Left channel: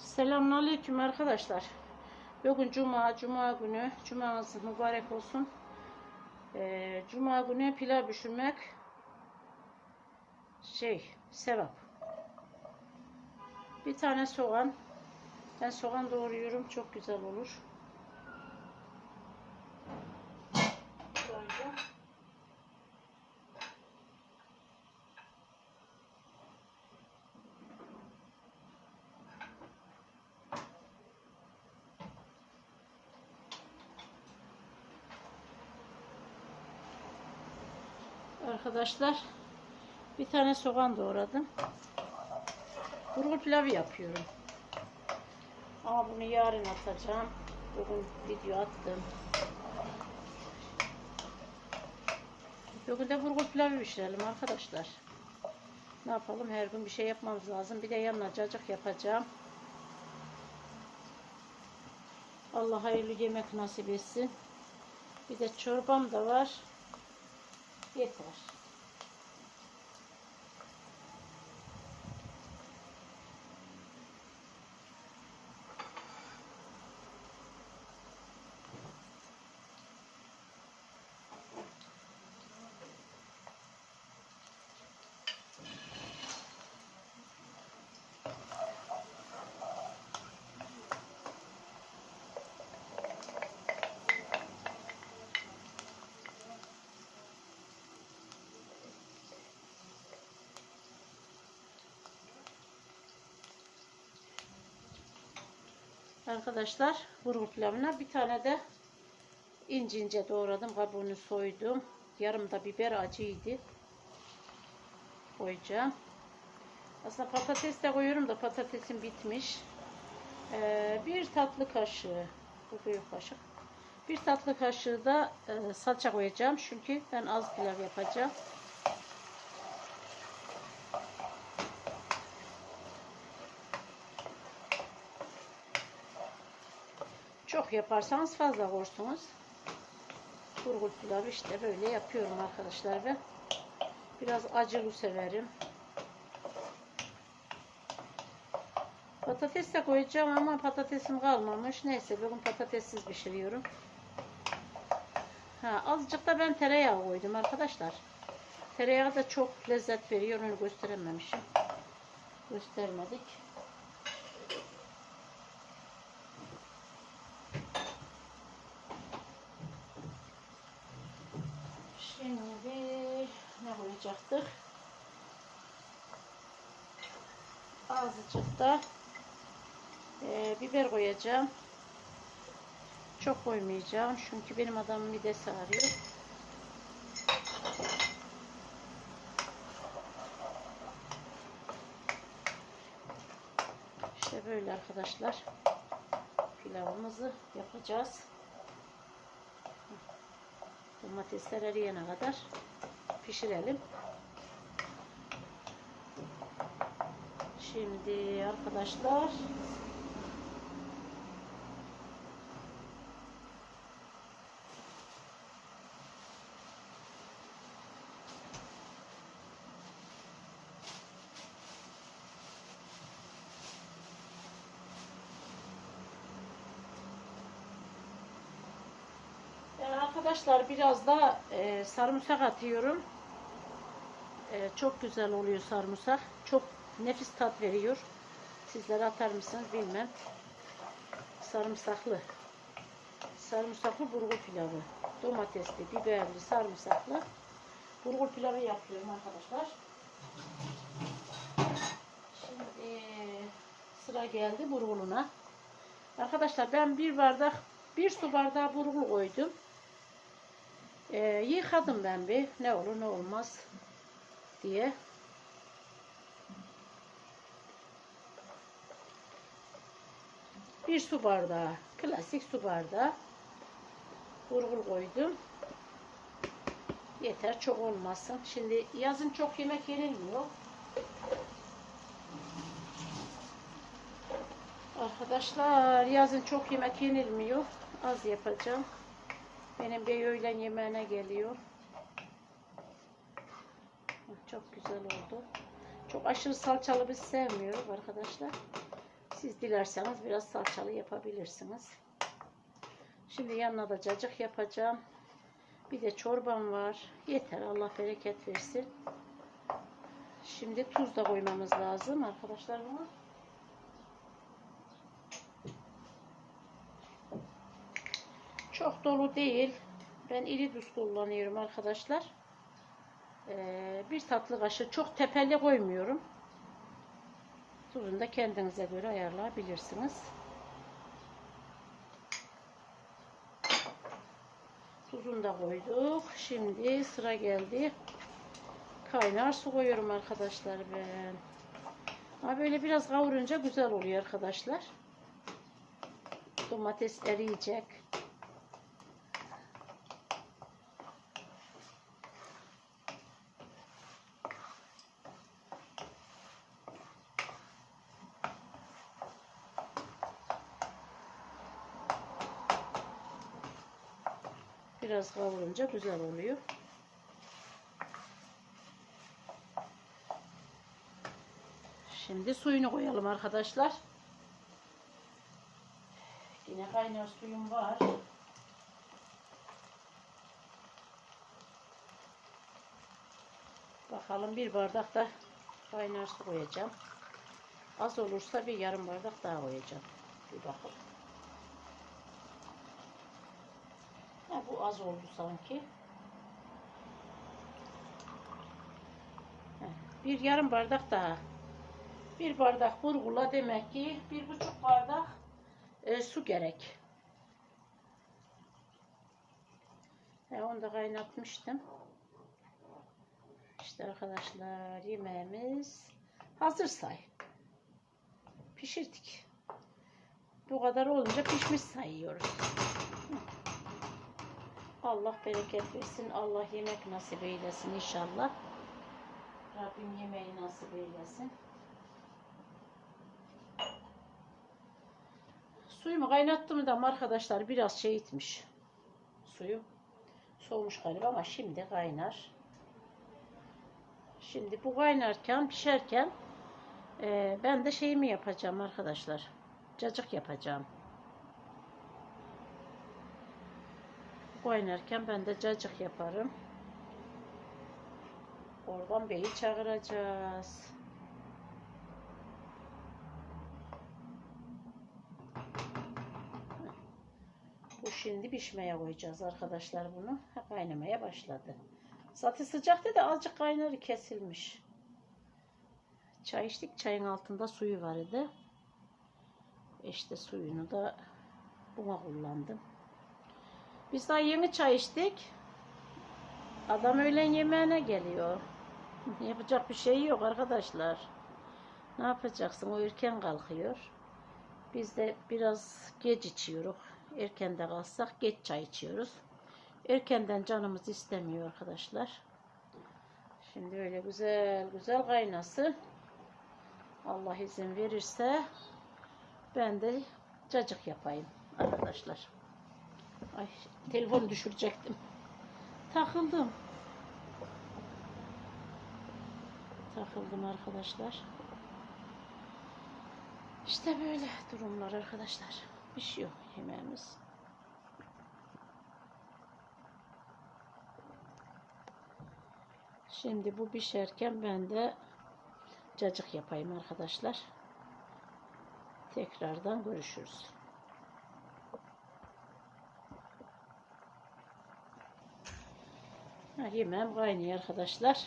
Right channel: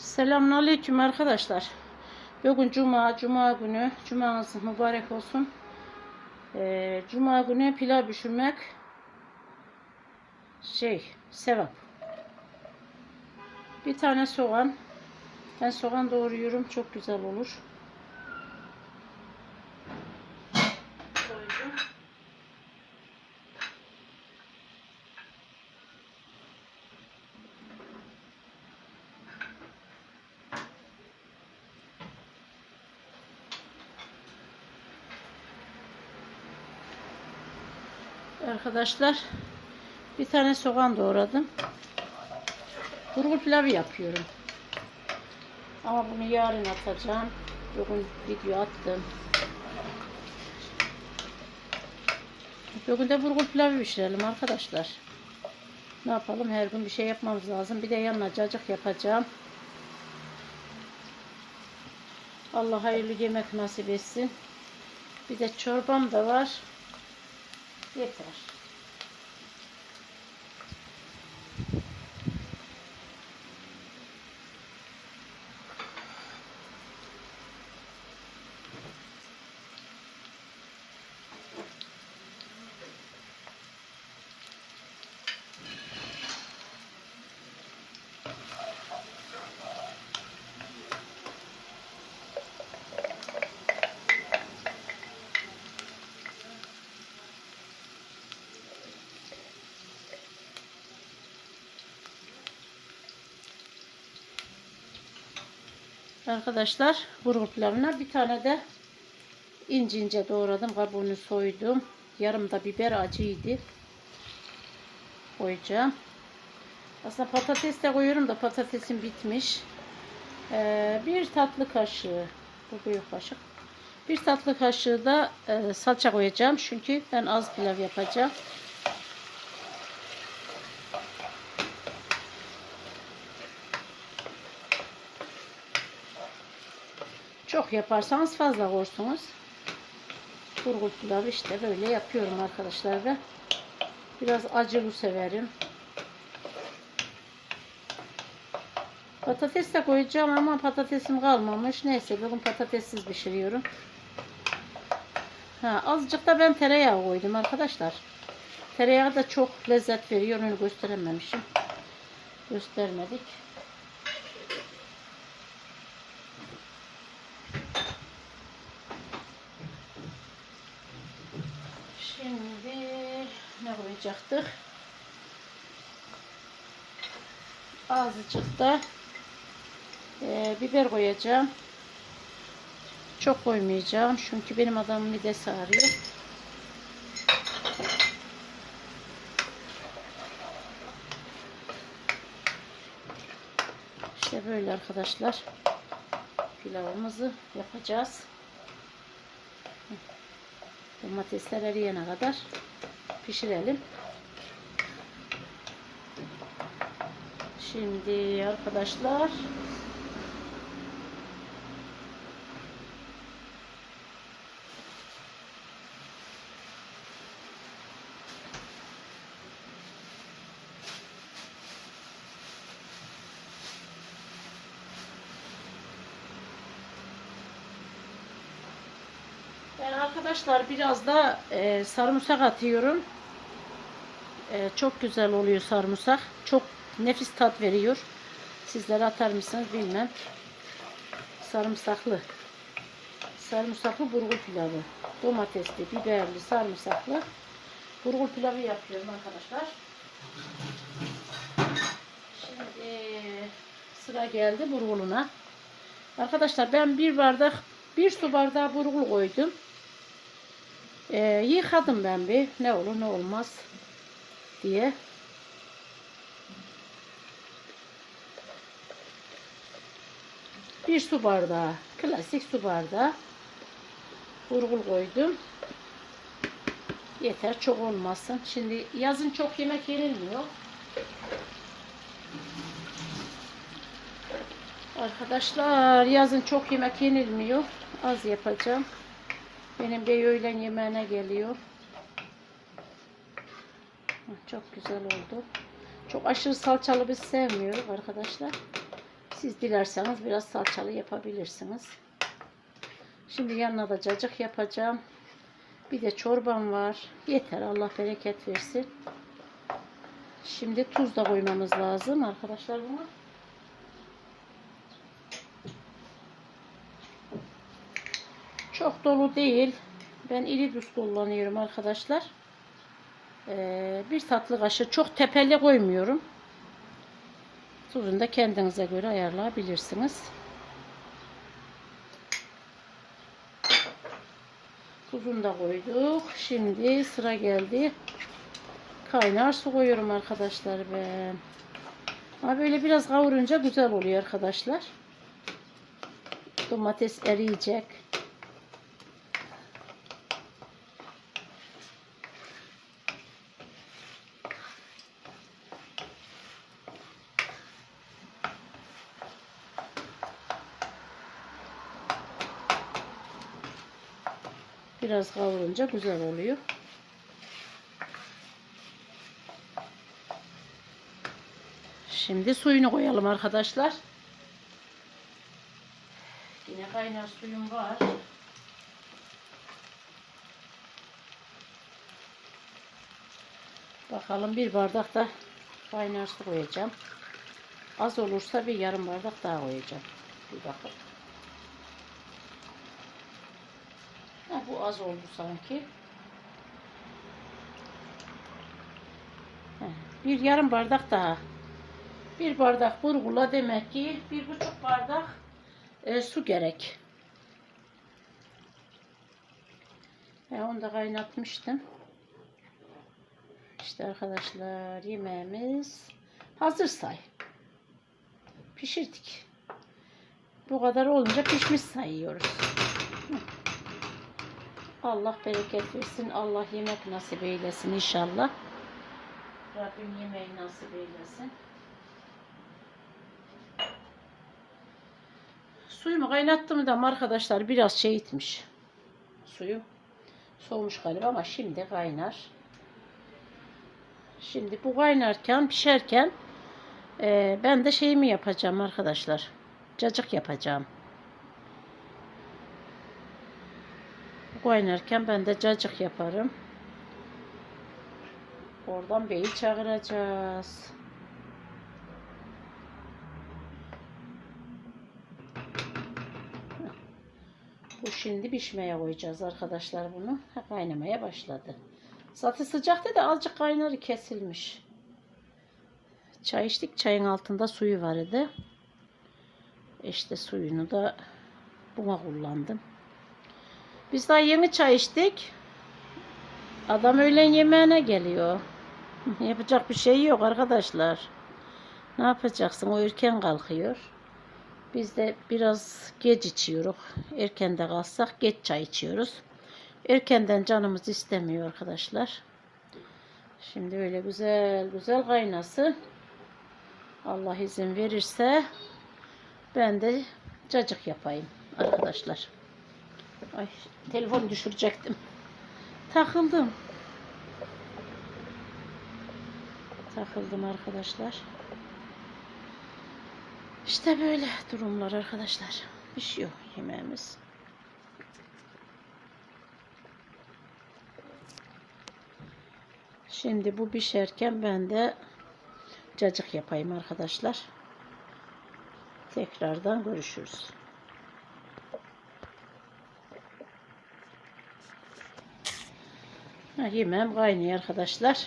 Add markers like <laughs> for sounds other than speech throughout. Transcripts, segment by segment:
Selamünaleyküm arkadaşlar. Bugün cuma, cuma günü. Cumanız mübarek olsun. Ee, cuma günü pilav pişirmek şey, sevap. Bir tane soğan. Ben soğan doğruyorum. Çok güzel olur. Arkadaşlar bir tane soğan doğradım. Burgu pilavı yapıyorum. Ama bunu yarın atacağım. Bugün video attım. Bugün de burgu pilavı pişirelim arkadaşlar. Ne yapalım? Her gün bir şey yapmamız lazım. Bir de yanına cacık yapacağım. Allah hayırlı yemek nasip etsin. Bir de çorbam da var. Yeter. Arkadaşlar burgu pilavına bir tane de ince ince doğradım. Kabuğunu soydum. Yarım da biber acıydı. Koyacağım. Aslında patates de koyuyorum da patatesim bitmiş. Ee, bir tatlı kaşığı bu büyük kaşık. Bir tatlı kaşığı da e, salça koyacağım. Çünkü ben az pilav yapacağım. Çok yaparsanız fazla koyursunuz. Burgul pilavı işte böyle yapıyorum arkadaşlar da. Biraz acılı severim. Patates de koyacağım ama patatesim kalmamış. Neyse bugün patatessiz pişiriyorum. Ha, azıcık da ben tereyağı koydum arkadaşlar. Tereyağı da çok lezzet veriyor. Onu gösterememişim. Göstermedik. Şimdi ne koyacaktık? Azıcık da e, biber koyacağım. Çok koymayacağım çünkü benim adamın midesi ağrıyor. İşte böyle arkadaşlar pilavımızı yapacağız. Domatesler eriyene kadar pişirelim. Şimdi arkadaşlar arkadaşlar biraz da e, sarımsak atıyorum. E, çok güzel oluyor sarımsak. Çok nefis tat veriyor. Sizler atar mısınız bilmem. Sarımsaklı. Sarımsaklı burgu pilavı. Domatesli, biberli, sarımsaklı burgu pilavı yapıyorum arkadaşlar. Şimdi sıra geldi burguluna. Arkadaşlar ben bir bardak bir su bardağı burgul koydum. Ee, yıkadım ben bir ne olur ne olmaz diye. Bir su bardağı, klasik su bardağı burgul koydum. Yeter çok olmasın. Şimdi yazın çok yemek yenilmiyor. Arkadaşlar yazın çok yemek yenilmiyor. Az yapacağım. Benim bey öğlen yemeğine geliyor. Çok güzel oldu. Çok aşırı salçalı biz sevmiyoruz arkadaşlar. Siz dilerseniz biraz salçalı yapabilirsiniz. Şimdi yanına da cacık yapacağım. Bir de çorbam var. Yeter Allah bereket versin. Şimdi tuz da koymamız lazım arkadaşlar buna. Çok dolu değil. Ben iri tuz kullanıyorum arkadaşlar. Ee, bir tatlı kaşığı çok tepeli koymuyorum. Tuzunu da kendinize göre ayarlayabilirsiniz. Tuzunu da koyduk. Şimdi sıra geldi. Kaynar su koyuyorum arkadaşlar ben. Ama böyle biraz kavurunca güzel oluyor arkadaşlar. Domates eriyecek. Biraz kavurunca güzel oluyor. Şimdi suyunu koyalım arkadaşlar. Yine kaynar suyum var. Bakalım bir bardak da kaynar su koyacağım. Az olursa bir yarım bardak daha koyacağım. Bir bakın. Ha, bu az oldu sanki. Bir yarım bardak daha. Bir bardak burgula demek ki bir buçuk bardak e, su gerek. Ya onu da kaynatmıştım. İşte arkadaşlar yemeğimiz hazır say. Pişirdik. Bu kadar olunca pişmiş sayıyoruz. Hı. Allah bereket versin. Allah yemek nasip eylesin inşallah. Rabbim yemeği nasip eylesin. Suyumu kaynattım da arkadaşlar biraz şey itmiş. Suyu soğumuş galiba ama şimdi kaynar. Şimdi bu kaynarken pişerken e, ben de şeyimi yapacağım arkadaşlar. Cacık yapacağım. Kaynarken ben de cacık yaparım. Oradan beyi çağıracağız. Bu şimdi pişmeye koyacağız arkadaşlar bunu. Kaynamaya başladı. Zaten sıcakta da azıcık kaynarı kesilmiş. Çay içtik. Çayın altında suyu var idi. İşte suyunu da buna kullandım. Biz daha yeni çay içtik. Adam öğlen yemeğine geliyor. <laughs> Yapacak bir şey yok arkadaşlar. Ne yapacaksın? O erken kalkıyor. Biz de biraz geç içiyoruz. Erken de kalksak geç çay içiyoruz. Erkenden canımız istemiyor arkadaşlar. Şimdi öyle güzel güzel kaynasın. Allah izin verirse ben de cacık yapayım arkadaşlar. Ay telefon düşürecektim. Takıldım. Takıldım arkadaşlar. İşte böyle durumlar arkadaşlar. Pişiyor yemeğimiz. Şimdi bu pişerken ben de cacık yapayım arkadaşlar. Tekrardan görüşürüz. Ha, yemeğim kaynıyor arkadaşlar.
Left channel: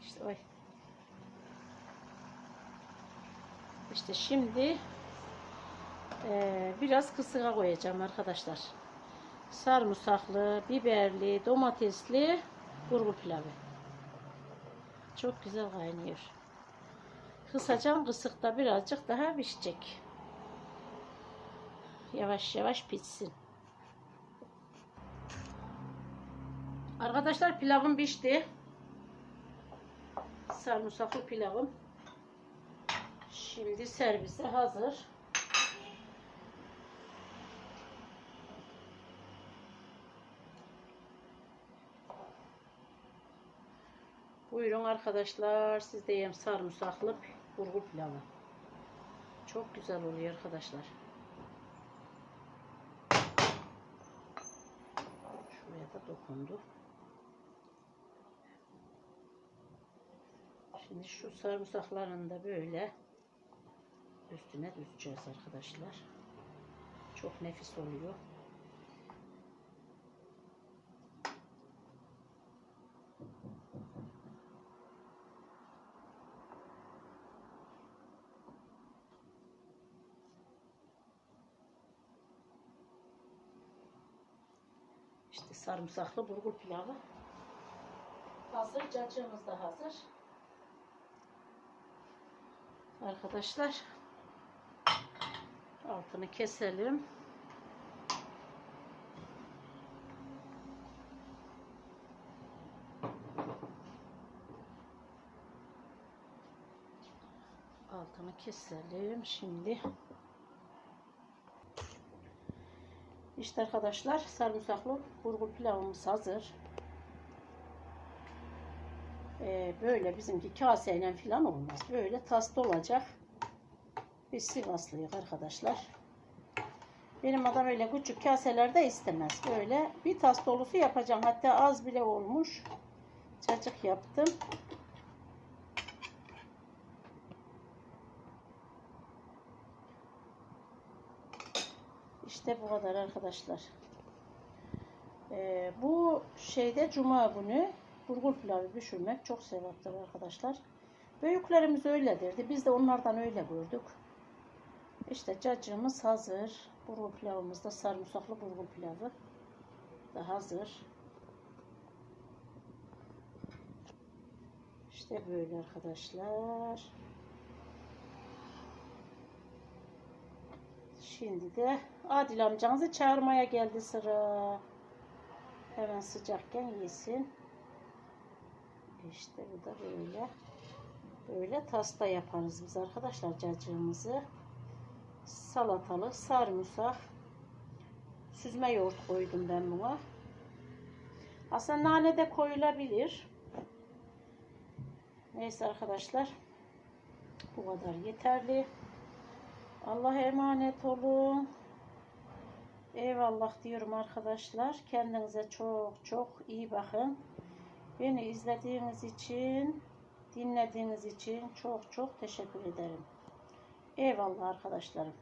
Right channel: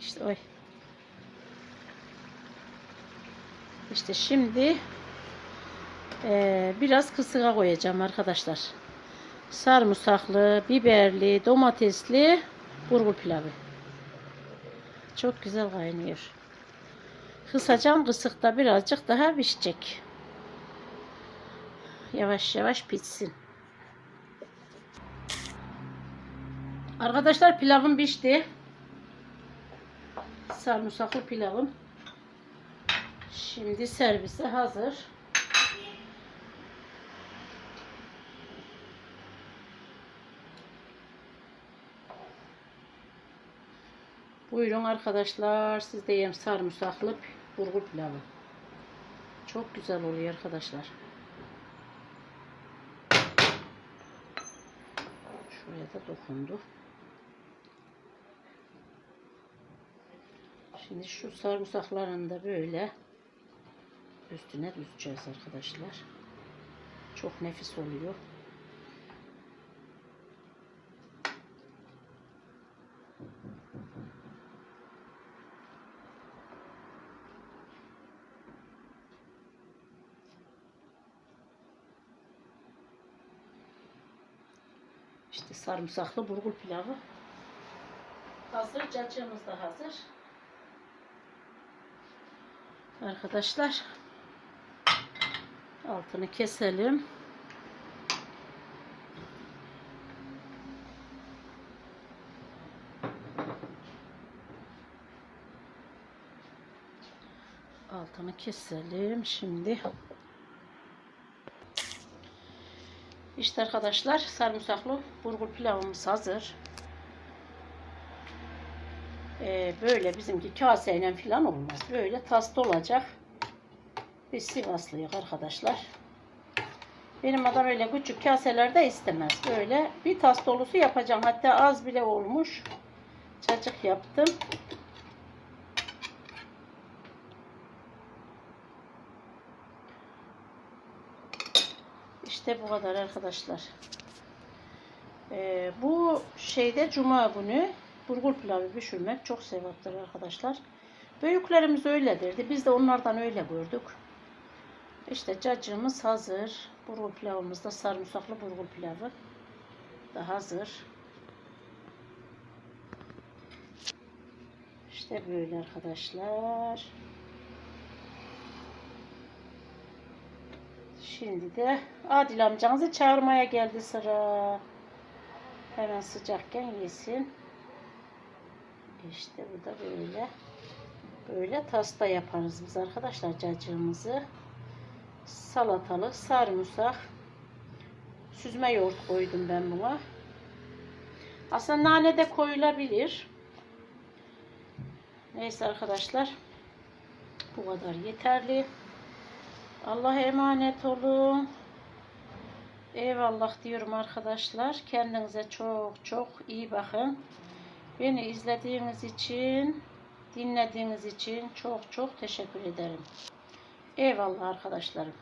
İşte oy. İşte şimdi eee, biraz kısığa koyacağım arkadaşlar. Sarımsaklı, biberli, domatesli burgul pilavı. Çok güzel kaynıyor. Kısacağım kısıkta birazcık daha pişecek. Yavaş yavaş pişsin. Arkadaşlar pilavım pişti. Sarımsaklı pilavım. Şimdi servise hazır. Buyurun arkadaşlar. Siz de yem sarımsaklı Burgul pilavı. Çok güzel oluyor arkadaşlar. Şuraya da dokundu. Şimdi şu sarımsaklarını da böyle üstüne düzeceğiz arkadaşlar. Çok nefis oluyor. İşte sarımsaklı burgul pilavı. Hazır, cacığımız da hazır. Arkadaşlar altını keselim. Altını keselim şimdi. İşte arkadaşlar sarımsaklı burgul pilavımız hazır. Böyle bizimki kaseyle falan olmaz. Böyle taslı olacak. Biz Sivaslıyız arkadaşlar. Benim adam öyle küçük kaselerde istemez. Böyle bir tas dolusu yapacağım. Hatta az bile olmuş. Cacık yaptım. İşte bu kadar arkadaşlar. Ee, bu şeyde cuma günü burgul pilavı pişirmek çok sevaptır arkadaşlar. Büyüklerimiz öyledirdi. Biz de onlardan öyle gördük. İşte cacığımız hazır. Burgul pilavımız da sarımsaklı burgul pilavı da hazır. İşte böyle arkadaşlar. Şimdi de Adil amcanızı çağırmaya geldi sıra. Hemen sıcakken yesin. İşte bu da böyle. Böyle tasta yaparız biz arkadaşlar cacığımızı. Salatalı, sarımsak, süzme yoğurt koydum ben buna. Aslında nane de koyulabilir. Neyse arkadaşlar. Bu kadar yeterli. Allah'a emanet olun. Eyvallah diyorum arkadaşlar. Kendinize çok çok iyi bakın. Beni izlediğiniz için, dinlediğiniz için çok çok teşekkür ederim. Eyvallah arkadaşlarım.